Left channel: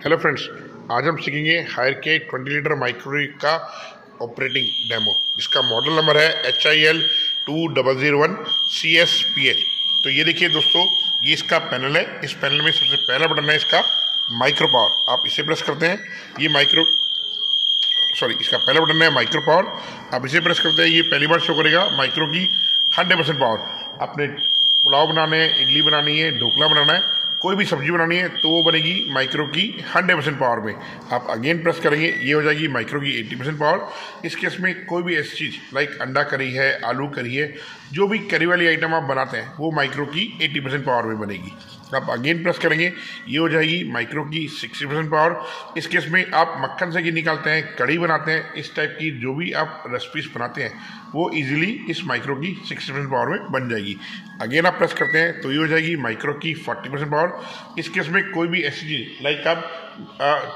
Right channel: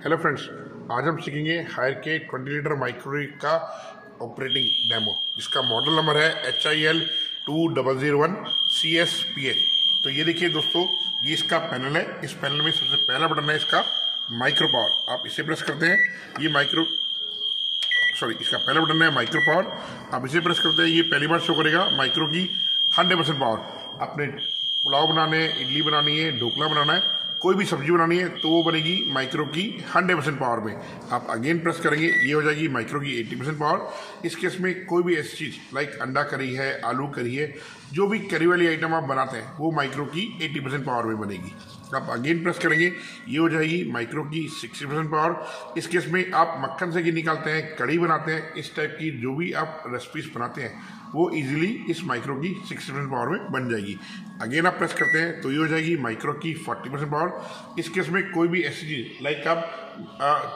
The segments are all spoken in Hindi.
हेलो फ्रेंड्स, आज हम सीखेंगे हायर के 20 लीटर माइक्रोवेव का ऑपरेटिंग डेमो, जिसका मॉडल नंबर है HIL2001CS PH। तो ये देखिए दोस्तों, ये इसका पैनल है। इस पैनल में सबसे पहला बटन है इसका माइक्रो पावर। आप इसे प्रेस करते हैं, ये इसका पहला बटन है माइक्रो पावर। आप इसे प्रेस करते हैं, ये पहली बार शो करेगा माइक्रो की 100% पावर। आपने पुलाव बनाने हैं, इडली बनानी है, ढोकला बनाना है, कोई भी सब्जी बनानी है तो वो बनेगी माइक्रो की 100% पावर में। आप अगेन प्रेस करेंगे, ये हो जाएगी माइक्रो की 80% पावर। इस केस में कोई भी ऐसी चीज़ लाइक अंडा करी है, आलू करी है, जो भी करी वाली आइटम आप बनाते हैं वो माइक्रो की 80% पावर में बनेगी। आप अगेन प्रेस करेंगे, ये हो जाएगी माइक्रो की 60% पावर। इस केस में आप मक्खन से घी निकालते हैं, कढ़ी बनाते हैं, इस टाइप की जो भी आप रेसिपीज बनाते हैं वो इजीली इस माइक्रो की 60% पावर में बन जाएगी। अगेन आप प्रेस करते हैं तो ये हो जाएगी माइक्रो की 40% पावर। इस केस में कोई भी ऐसी चीज़ लाइक आप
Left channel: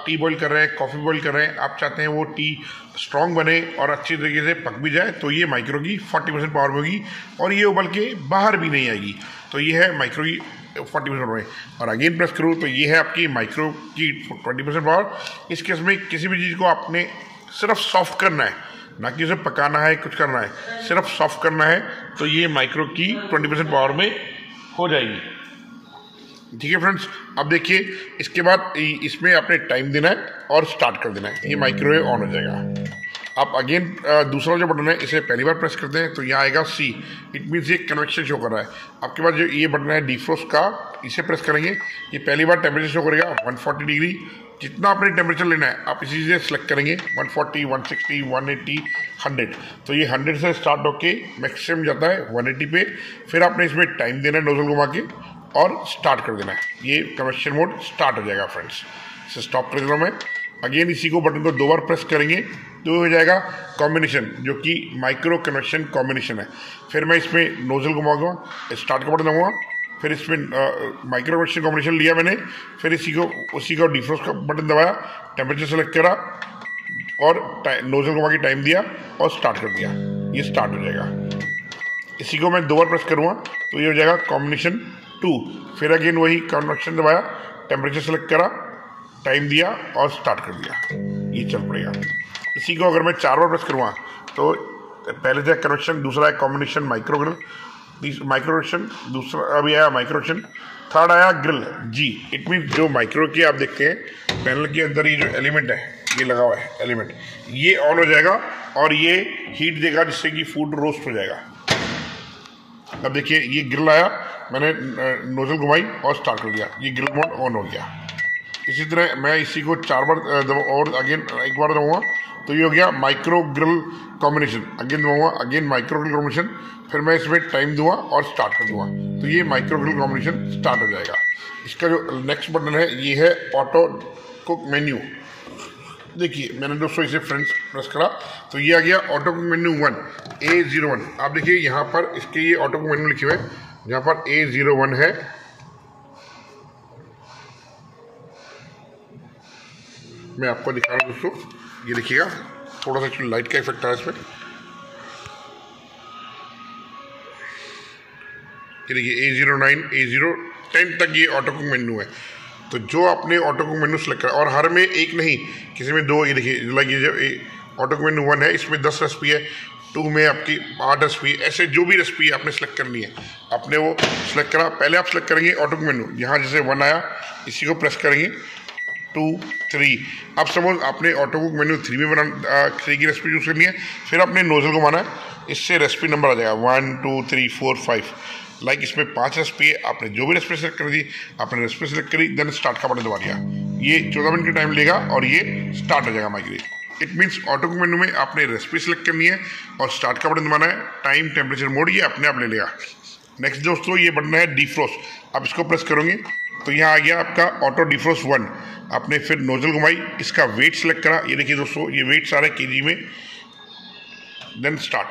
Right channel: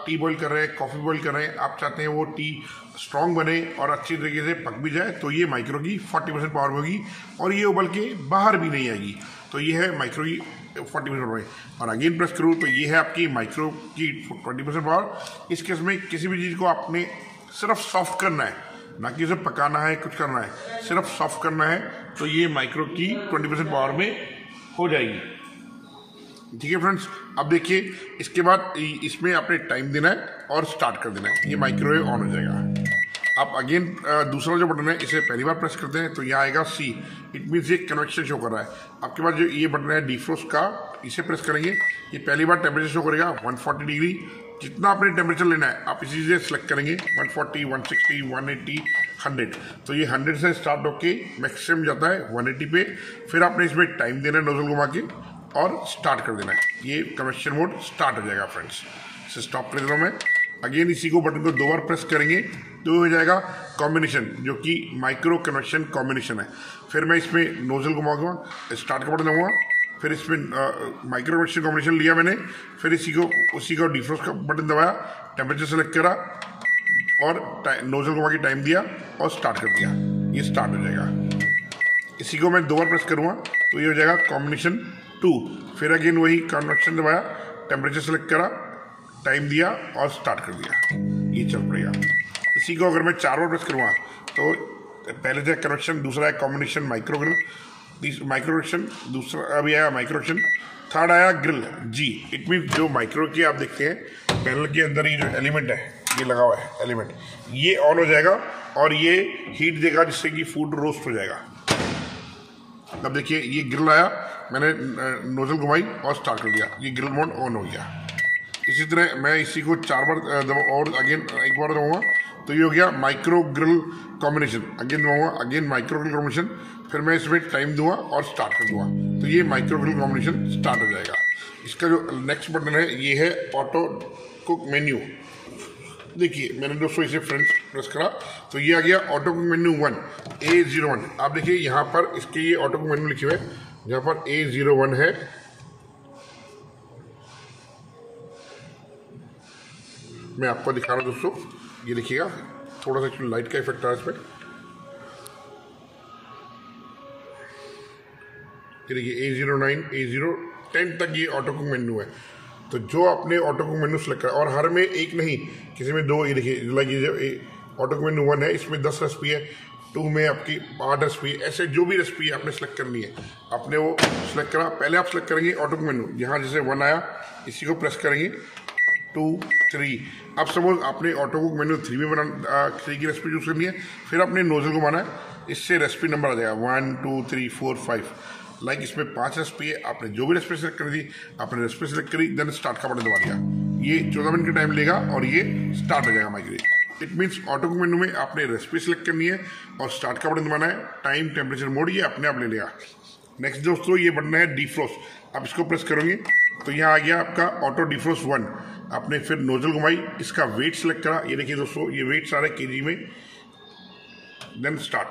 टी बॉईल कर रहे हैं, कॉफ़ी बॉईल कर रहे हैं, आप चाहते हैं वो टी स्ट्रॉन्ग बने और अच्छी तरीके से पक भी जाए, तो ये माइक्रो की 40% पावर में होगी और ये उबल के बाहर भी नहीं आएगी। तो ये है माइक्रो की 40% में। और अगेन प्रेस करूँ तो ये है आपकी माइक्रो की 20% पावर। इस केस में किसी भी चीज़ को आपने सिर्फ सॉफ्ट करना है, ना कि उसे पकाना है, कुछ करना है, सिर्फ सॉफ्ट करना है, तो ये माइक्रो की 20% पावर में हो जाएगी। ठीक है फ्रेंड्स, अब देखिए इसके बाद इसमें आपने टाइम देना है और स्टार्ट कर देना है, ये माइक्रोवेव ऑन हो जाएगा। आप अगेन दूसरा जो बटन है इसे पहली बार प्रेस करते हैं तो यहाँ आएगा C, इट मीन्स ये कन्वेक्शन शो कर रहा है। आपके पास जो ये बटन है डिफ्रोस्ट का, इसे प्रेस करेंगे, ये पहली बार टेम्परेचर शो करेगा 140 डिग्री। जितना आपने टेम्परेचर लेना है आप इसी से सिलेक्ट करेंगे, 140, 160, 180, 100। तो ये 100 से स्टार्ट होके मैक्सिमम जाता है 180 पे। फिर आपने इसमें टाइम देना है नोजल घुमा के और स्टार्ट कर देना है, ये कन्वेक्शन मोड स्टार्ट हो जाएगा फ्रेंड्स। इसे स्टॉप कर देता हूँ मैं। अगेन इसी को बटन को 2 बार प्रेस करेंगे तो हो जाएगा कॉम्बिनेशन, जो कि माइक्रो कन्वेक्शन कॉम्बिनेशन है। फिर मैं इसमें नोजल घुमाऊंगा, स्टार्ट का बटन दबाऊंगा, फिर इसमें माइक्रो कन्वेक्शन कॉम्बिनेशन लिया मैंने, फिर उसी को डिफ्रोस्ट का बटन दबाया, टेम्परेचर सेलेक्ट करा और नोजल घुमा के टाइम दिया और स्टार्ट कर दिया, ये स्टार्ट हो जाएगा। इसी को मैं 2 बार प्रेस करूँगा तो ये हो जाएगा कॉम्बिनेशन 2। फिर अगेन वही कन्वेक्शन दबाया, टेम्परेचर सेलेक्ट करा, टाइम दिया और स्टार्ट कर दिया, ये चल पड़ेगा। इसी को अगर मैं 4 बार प्रेस करूँगा तो पहले था कन्वेक्शन, दूसरा है कॉम्बिनेशन माइक्रो कन्वेक्शन, दूसरा अभी आया माइक्रो कन्वेक्शन, थर्ड आया ग्रिल G। इट मीन जो माइक्रो की आप देखते हैं पैनल के अंदर ही जो एलिमेंट है, ये लगा हुआ है एलिमेंट, ये ऑन हो जाएगा और ये हीट देगा जिससे कि फूड रोस्ट हो जाएगा। अब देखिए ये ग्रिल आया, मैंने नोजल घुमाई और स्टार्ट कर दिया, ये ग्रिल मोड ऑन हो गया। इसी तरह मैं इसी को 4 बार और अगेन एक बार दबाऊंगा तो ये हो गया माइक्रो ग्रिल कॉम्बिनेशन। अगेन दबाऊंगा, अगेन माइक्रो ग्रिल कॉम्बिनेशन, फिर मैं इसमें टाइम दूंगा और स्टार्ट कर दूंगा, तो ये माइक्रो ग्रिल कॉम्बिनेशन स्टार्ट हो जाएगा। इसका जो नेक्स्ट बटन है ये है ऑटो कुक मेन्यू। देखिए मैंने दोस्तों इसे फ्रेंड्स प्रेस करा तो ये आ गया ऑटो कुक मेन्यू 1 A01। आप देखिए यहाँ पर इसके ये ऑटो कुक मेन्यू लिखे हुए हैं, जहाँ पर A01 है। मैं आपको दिखा रहा हूँ दोस्तों, ये देखिएगा, थोड़ा सा एक्चुअली लाइट का इफेक्ट आ रहा है इसमें। ये देखिए A09, A010 तक ये ऑटो कुक मेन्यू है। तो जो आपने ऑटो कुक मेन्यू सेलेक्ट करा, और हर में एक नहीं, किसी में 2, ये देखिए लाइक ये जो ऑटो कुक मेन्यू 1 है इसमें 10 रेसिपी है, 2 में आपकी 8 रेसिपी, ऐसे जो भी रेसिपी आपने सेलेक्ट करनी है आपने वो सेलेक्ट करा। पहले आप सेलेक्ट करेंगे ऑटो कुक मेन्यू, यहाँ जैसे 1 आया इसी को प्रेस करेंगे, 2, 3। अब सपोज आपने ऑटो कुक मेन्यू 3 में 3 की रेसिपी यूज़ करनी है, फिर आपने नोजल घुमाना है, इससे रेसिपी नंबर आ जाएगा 1, 2, 3, 4, 5। लाइक इसमें 5 रेसिपी है, आपने जो भी रेसिपी सेलेक्ट कर दी, आपने रेसिपी सेलेक्ट करी, देन स्टार्ट का बटन दबा दिया, ये 14 मिनट का टाइम लेगा और ये स्टार्ट हो जाएगा microwave. It means auto cook menu में आपने रेसिपी सेलेक्ट करनी है और स्टार्ट का बटन दबाना है, टाइम टेम्परेचर मोड ये अपने आप ले लेगा। नेक्स्ट दोस्तों ये बटन है डिफ्रोस्ट। आप इसको प्रेस करोगे तो यहाँ आ गया आपका ऑटो डिफ्रोस्ट 1। आपने फिर नोजल घुमाई, इसका वेट सेलेक्ट करा, ये देखिए दोस्तों ये वेट सारा केजी में, देन स्टार्ट,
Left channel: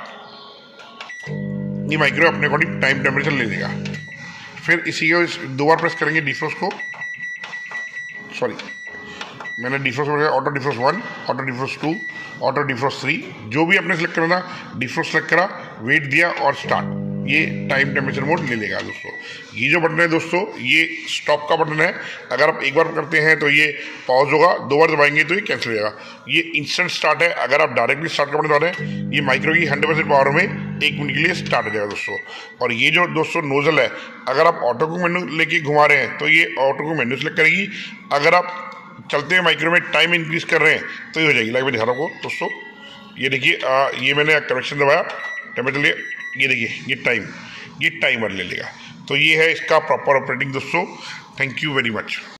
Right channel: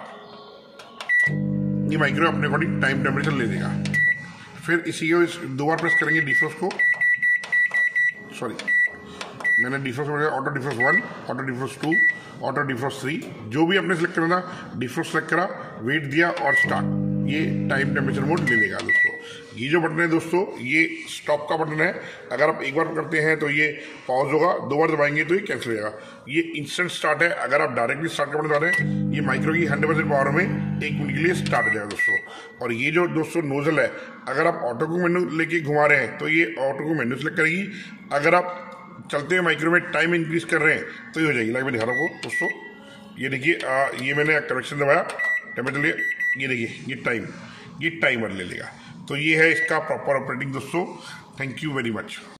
ये माइक्रो अपने अकॉर्डिंग टाइम टेम्परेचर ले देगा। फिर इसी को 2 बार प्रेस करेंगे डिफ्रोस्ट को, सॉरी मैंने defrost auto defrost 1, auto defrost 2, auto defrost 3, जो भी आपने सेलेक्ट करना था डिफ्रोस्ट सेलेक्ट करा, वेट दिया और स्टार्ट, ये टाइम टेम्परेचर मोड ले लेगा दोस्तों। ये जो बटन है दोस्तों ये स्टॉप का बटन है। अगर आप एक बार करते हैं तो ये पॉज होगा, 2 बार दबाएंगे तो ये कैंसिल हो जाएगा। ये इंस्टेंट स्टार्ट है। अगर आप डायरेक्टली स्टार्ट का बटन दबा रहे हैं, ये माइक्रो की 100% पावर में 1 मिनट के लिए स्टार्ट हो जाएगा दोस्तों। और ये जो दोस्तों नोजल है, अगर आप ऑटो को मेन्यू लेके घुमा रहे हैं तो ये ऑटो को मेन्यू सेलेक्ट करेगी। अगर आप चलते हैं माइक्रो में टाइम इंक्रीज कर रहे हैं तो ये हो जाएगी। लाइक मैं दिखा रहा हूँ आपको दोस्तों, ये देखिए ये मैंने कनेक्शन दबाया, टेम्परेचर लिए, ये देखिए ये टाइमर ले लेगा। तो ये है इसका प्रॉपर ऑपरेटिंग दोस्तों। Thank you very much.